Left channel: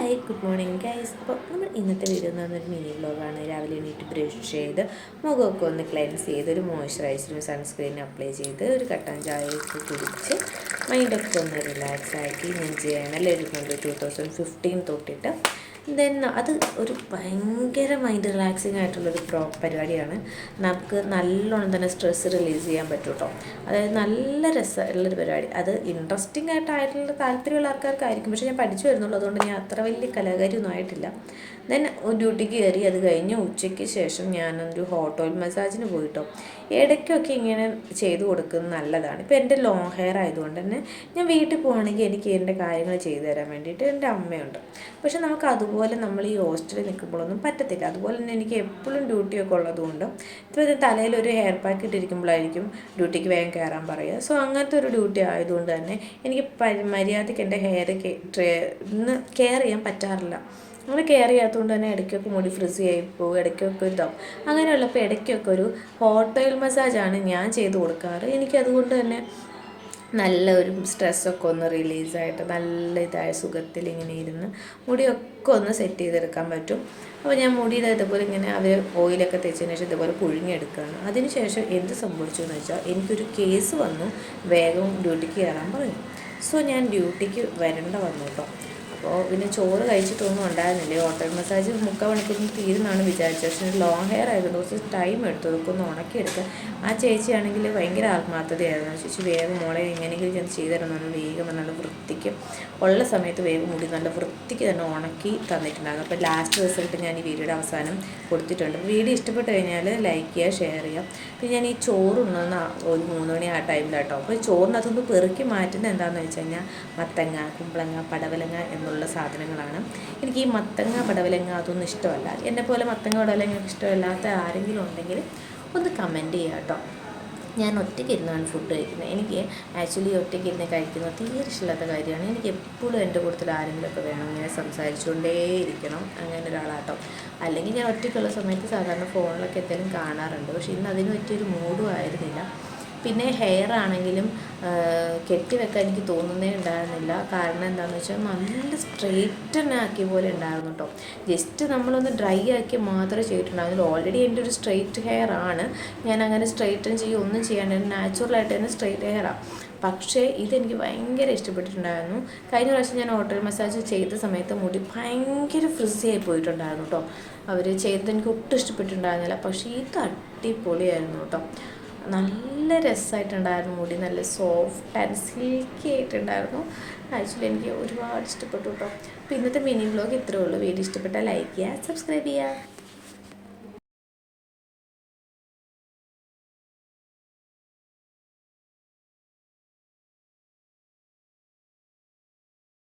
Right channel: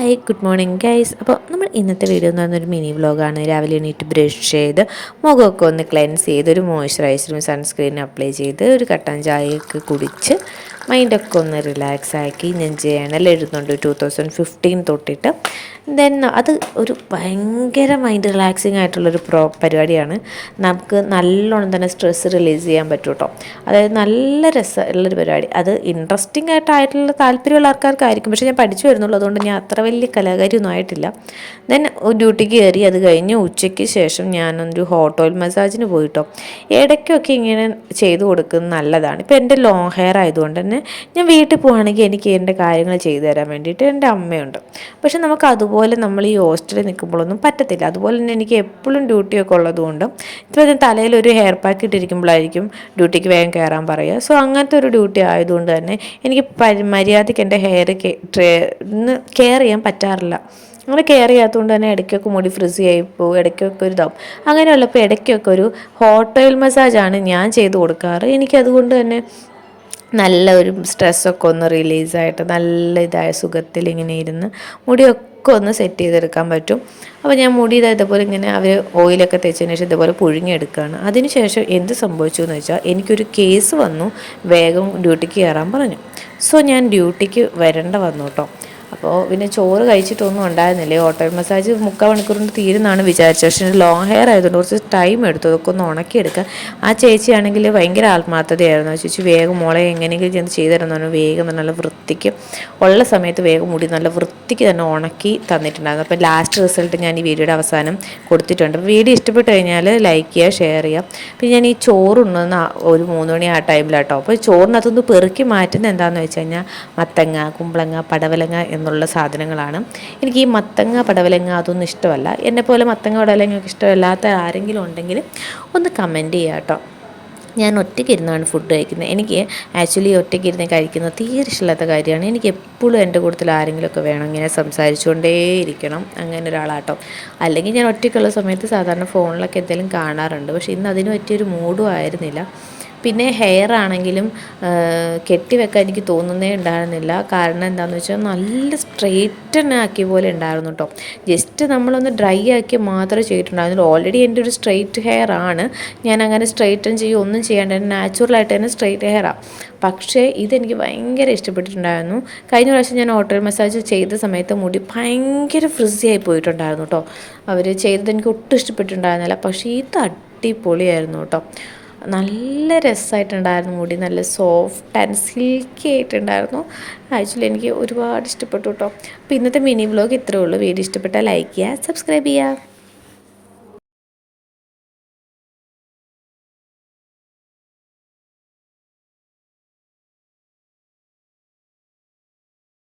Hi good morning guys. അപ്പോൾ നമ്മൾ ഇന്നത്തെ വീഡിയോ എന്ന് പറഞ്ഞൊരു മിനി വ്ലോഗാണ്. രാവിലെ എണീറ്റ് ബ്രഷ് ചെയ്ത് മുഖമൊക്കെ ഒന്ന് ക്ലെൻസ് ചെയ്ത് ഒരു മോയ്സ്ചറൈസറും സൺസ്ക്രീനും അപ്ലൈ ചെയ്ത് ഒരു കട്ടൻ ചായയൊക്കെ കുടിച്ച് മൈൻഡൊക്കെ ഒന്ന് റിലാക്സ് ആക്കി ഞാൻ ജേണൽ എഴുതുന്നുണ്ട് 2015 തൊട്ടിട്ട്. ദെൻ അത് ഒരു ഭയങ്കര മൈൻഡ് റിലാക്സിങ് ആയിട്ടുള്ളൊരു പരിപാടിയാണ്. നമുക്ക് നല്ലോണം തന്നെ സ്ട്രെസ്സ് റിലീസ് ചെയ്യാൻ പറ്റും കേട്ടോ. അതായത് നല്ല രസമുള്ളൊരു പരിപാടി. അത് ഇൻട്രസ്റ്റിംഗ് ആയിട്ടുള്ള താല്പര്യമുള്ള ആൾക്കാർക്കായിരിക്കും. പക്ഷേ ഞാൻ പഠിച്ചു വരുന്നുള്ളൂ, അതുകൊണ്ട് ഞാൻ അത്ര വലിയ കലാകാരിയൊന്നും ആയിട്ടില്ല. ദെൻ ഡ്യൂട്ടിക്ക് കയറി. അത് കഴിഞ്ഞ് ഉച്ചയ്ക്ക് ശേഷം ഞാനൊരു ഹോട്ട് ഓയിൽ മസാജിന് പോയിട്ടോ. ഇടയ്ക്കൊക്കെ ഇങ്ങനെ ചെയ്ത് കൊടുക്കുന്നത് നല്ലതാണ്. ഇപ്പോൾ എൻ്റെ ലോങ് ഹെയർ ആയതുകൊണ്ട് തന്നെ ഞാൻ വീട്ടിൽ പോവുകയാണെങ്കിൽ എനിക്ക് എൻ്റെ കാര്യങ്ങൾ ചെയ്തു തരാൻ വേണ്ടിയിട്ട് എൻ്റെ അമ്മയുണ്ട്. പക്ഷെ നമുക്ക് അതുപോലെ നമ്മൾ ഈ ഹോസ്റ്റലിൽ നിൽക്കുമ്പോഴൊന്നും പറ്റത്തില്ല. അതുപോലെ തന്നെ എനിക്ക് എപ്പോഴും ഡ്യൂട്ടിയൊക്കെ ഉള്ളതുകൊണ്ട് ഇപ്പോൾ ഞാൻ തലയിൽ ഒരു ഹെയർ പാക്ക് ഇട്ടിരിക്കുമ്പോഴായിരിക്കും ഡ്യൂട്ടിക്ക് വേഗം കയറാൻ പറയുക. സോ അങ്ങനത്തെ ഒരു ഡ്യൂട്ടി ആയതുകൊണ്ട് തന്നെ എനിക്ക് മര്യാദയ്ക്ക് എൻ്റെ ഹെയർ കെയർ ചെയ്യാൻ പറ്റാറില്ല. അങ്ങനെ കെയർ ചെയ്യാത്തതുകൊണ്ട് തന്നെ ഇടയ്ക്കൊക്കെ മുടി ഫ്രിസി ആയി പോകും, ഇടയ്ക്കൊക്കെ ഒരു ഇതാവും. അങ്ങനെയുള്ളപ്പോൾ ഇടയ്ക്കൊക്കെ ഒരു ഹോട്ട് ഓയിൽ മസാജാണ് ഞാൻ ചെയ്ത് കൊടുക്കാറ്. എനിക്കതുകൊണ്ട് തന്നെ നല്ല ഒരു സ്ട്രെസ്സൊക്കെ ഒന്ന് റിലീസായിട്ട് നല്ല ഇതായ സുഖത്തിൽ ഇങ്ങനെ ഇരുന്ന് മുടിയൊക്കെ ഒന്ന് സെറ്റ് ചെയ്തെടുക്കാൻ പറ്റും. അപ്പോൾ ഞാൻ മുടി ഇതേപോലെ ഇങ്ങനെ അവർ ഓയിലൊക്കെ തേച്ചതിന് ശേഷം ഇതേപോലെ പുഴുങ്ങിയെടുക്കുകയാണ്. അതിന് ശേഷം എന്ത് സംഭവിച്ചു എന്ന് വെച്ചാൽ എനിക്കൊരു കേസ് വന്നു, വേഗം ഡ്യൂട്ടിക്ക് കയറാൻ പറഞ്ഞു. സോ ഞാൻ ഡ്യൂട്ടിക്ക് വരേണ്ട വന്നു കേട്ടോ. അപ്പോൾ പിന്നെ ചോറ് കഴിച്ചിട്ടൊന്നും ഉണ്ടായിരുന്നില്ല. ഓട്ടോ മസാജ് 3/4 മണിക്കൂർ കൊണ്ട് തീരുന്നാണ് വിചാരിച്ചത്. പക്ഷേ ലോങ് ഹെയർ ആയതുകൊണ്ട് കുറച്ച് ടൈം എടുത്തു അതൊക്കെ ഒന്ന് ഉണക്കിയെടുക്കാൻ. ആ ചേച്ചിയാണെങ്കിൽ ഭയങ്കര ആത്മാർത്ഥതയായിരുന്നു. ചേച്ചി വേഗം മോളെ എങ്ങനെയെങ്കിലും ചെന്ന് ചെയ്തു തരുമെന്ന് പറഞ്ഞു. വേഗം നല്ല വൃത്തിക്ക് ഉള്ള സമയത്ത് വേഗം മുടി നല്ല വൃത്തിക്ക് തന്നെ ഉണക്കി തന്നിട്ടുണ്ടായിരുന്നു. അപ്പോൾ ലാസ്റ്റ് റിസൾട്ട് ഞാൻ ഈ വീഡിയോയുടെ അവസാനം കൊടുത്തിട്ടുണ്ട്. വീഡിയോ ഇഷ്ടപ്പെട്ട് കഴിഞ്ഞാൽ ലൈക്ക് ചെയ്യുക, ഷെയർ ചെയ്യുക. പിന്നെ ഞാൻ ഈ ചോറുണ്ണുന്ന ഒരു 3 മണി ആ ടൈമിലാട്ടോ. അപ്പോൾ ചോറിനകത്തൊന്ന് പെറുക്കി മാറ്റുന്നത് എന്താണെന്ന് വെച്ച് കഴിഞ്ഞാൽ മത്തങ്ങ, കുമ്പളങ്ങ, പടവലങ്ങ എന്നുള്ള സാധനങ്ങളാണ്. എനിക്ക് ഈ മത്തങ്ങ, പടവലങ്ങ അതൊന്നും ഇഷ്ടമല്ല. എന്നെപ്പോലെ മത്തങ്ങ, പടവലങ്ങ ഇഷ്ടമല്ലാത്ത ആരെങ്കിലും ഉണ്ടെങ്കിൽ ഒന്ന് കമൻറ്റ് ചെയ്യുക കേട്ടോ. ഞാൻ ഒറ്റയ്ക്ക് ഇരുന്നാണ് ഫുഡ് കഴിക്കുന്നത്. എനിക്ക് ആക്ച്വലി ഒറ്റയ്ക്ക് ഇരുന്ന് കഴിക്കുന്നത് തീരെ ഇഷ്ടമില്ലാത്ത കാര്യമാണ്. എനിക്ക് എപ്പോഴും എൻ്റെ കൂട്ടത്തിൽ ആരെങ്കിലുമൊക്കെ വേണം, ഇങ്ങനെ സംസാരിച്ചുകൊണ്ടേയിരിക്കണം, അങ്ങനെ ഒരാളാട്ടോ. അല്ലെങ്കിൽ ഞാൻ ഒറ്റയ്ക്കുള്ള സമയത്ത് സാധാരണ ഫോണിലൊക്കെ എന്തെങ്കിലും കാണാറുണ്ട്. പക്ഷേ ഇന്ന് അതിന് പറ്റിയൊരു മൂഡും ആയിരുന്നില്ല. പിന്നെ ഹെയർ ആണെങ്കിലും കെട്ടിവെക്കാൻ എനിക്ക് തോന്നുന്നേ ഉണ്ടായിരുന്നില്ല. കാരണം എന്താണെന്ന് വെച്ചാൽ നല്ല സ്ട്രെയിറ്റൻ ആക്കിയ പോലെ ഉണ്ടായിരുന്നു കേട്ടോ. ജസ്റ്റ് നമ്മളൊന്ന് ഡ്രൈ ആക്കി മാത്രമേ ചെയ്തിട്ടുണ്ടായിരുന്നുള്ളൂ. ഓൾറെഡി എൻ്റെ ഒരു സ്ട്രെയിറ്റ് ഹെയർ ആണ്. ഞാൻ അങ്ങനെ സ്ട്രെയിറ്റൻ ചെയ്യുക ഒന്നും ചെയ്യാണ്ട് നാച്ചുറലായിട്ട് തന്നെ സ്ട്രെയിറ്റ് ഹെയറാണ്. പക്ഷേ ഇതെനിക്ക് ഭയങ്കര ഇഷ്ടപ്പെട്ടിട്ടുണ്ടായിരുന്നു. കഴിഞ്ഞ പ്രാവശ്യം ഞാൻ ഓട്ടോ മസാജ് ചെയ്ത സമയത്ത് മുടി ഭയങ്കര ഫ്രിസി ആയി പോയിട്ടുണ്ടായിരുന്നു കേട്ടോ. അവർ ചെയ്തത് എനിക്ക് ഒട്ടും ഇഷ്ടപ്പെട്ടിട്ടുണ്ടായിരുന്നില്ല. പക്ഷേ ഇത് അടിപൊളിയായിരുന്നു കേട്ടോ. നല്ല രസമായിട്ടുണ്ടായിരുന്നു. മുടി നല്ല സോഫ്റ്റ് ആൻഡ് സിൽക്കി ആയിട്ടുണ്ടായിരുന്നു. ആക്ച്വലി എനിക്ക് ഒരുപാട് ഇഷ്ടപ്പെട്ടു കേട്ടോ. അപ്പോൾ ഇന്നത്തെ മിനി വ്ലോഗ് ഇത്രയേ ഉള്ളൂ. വീഡിയോ ഇഷ്ടപ്പെട്ടാൽ ലൈക്ക് ചെയ്യുക, സബ്സ്ക്രൈബ് ചെയ്യുക.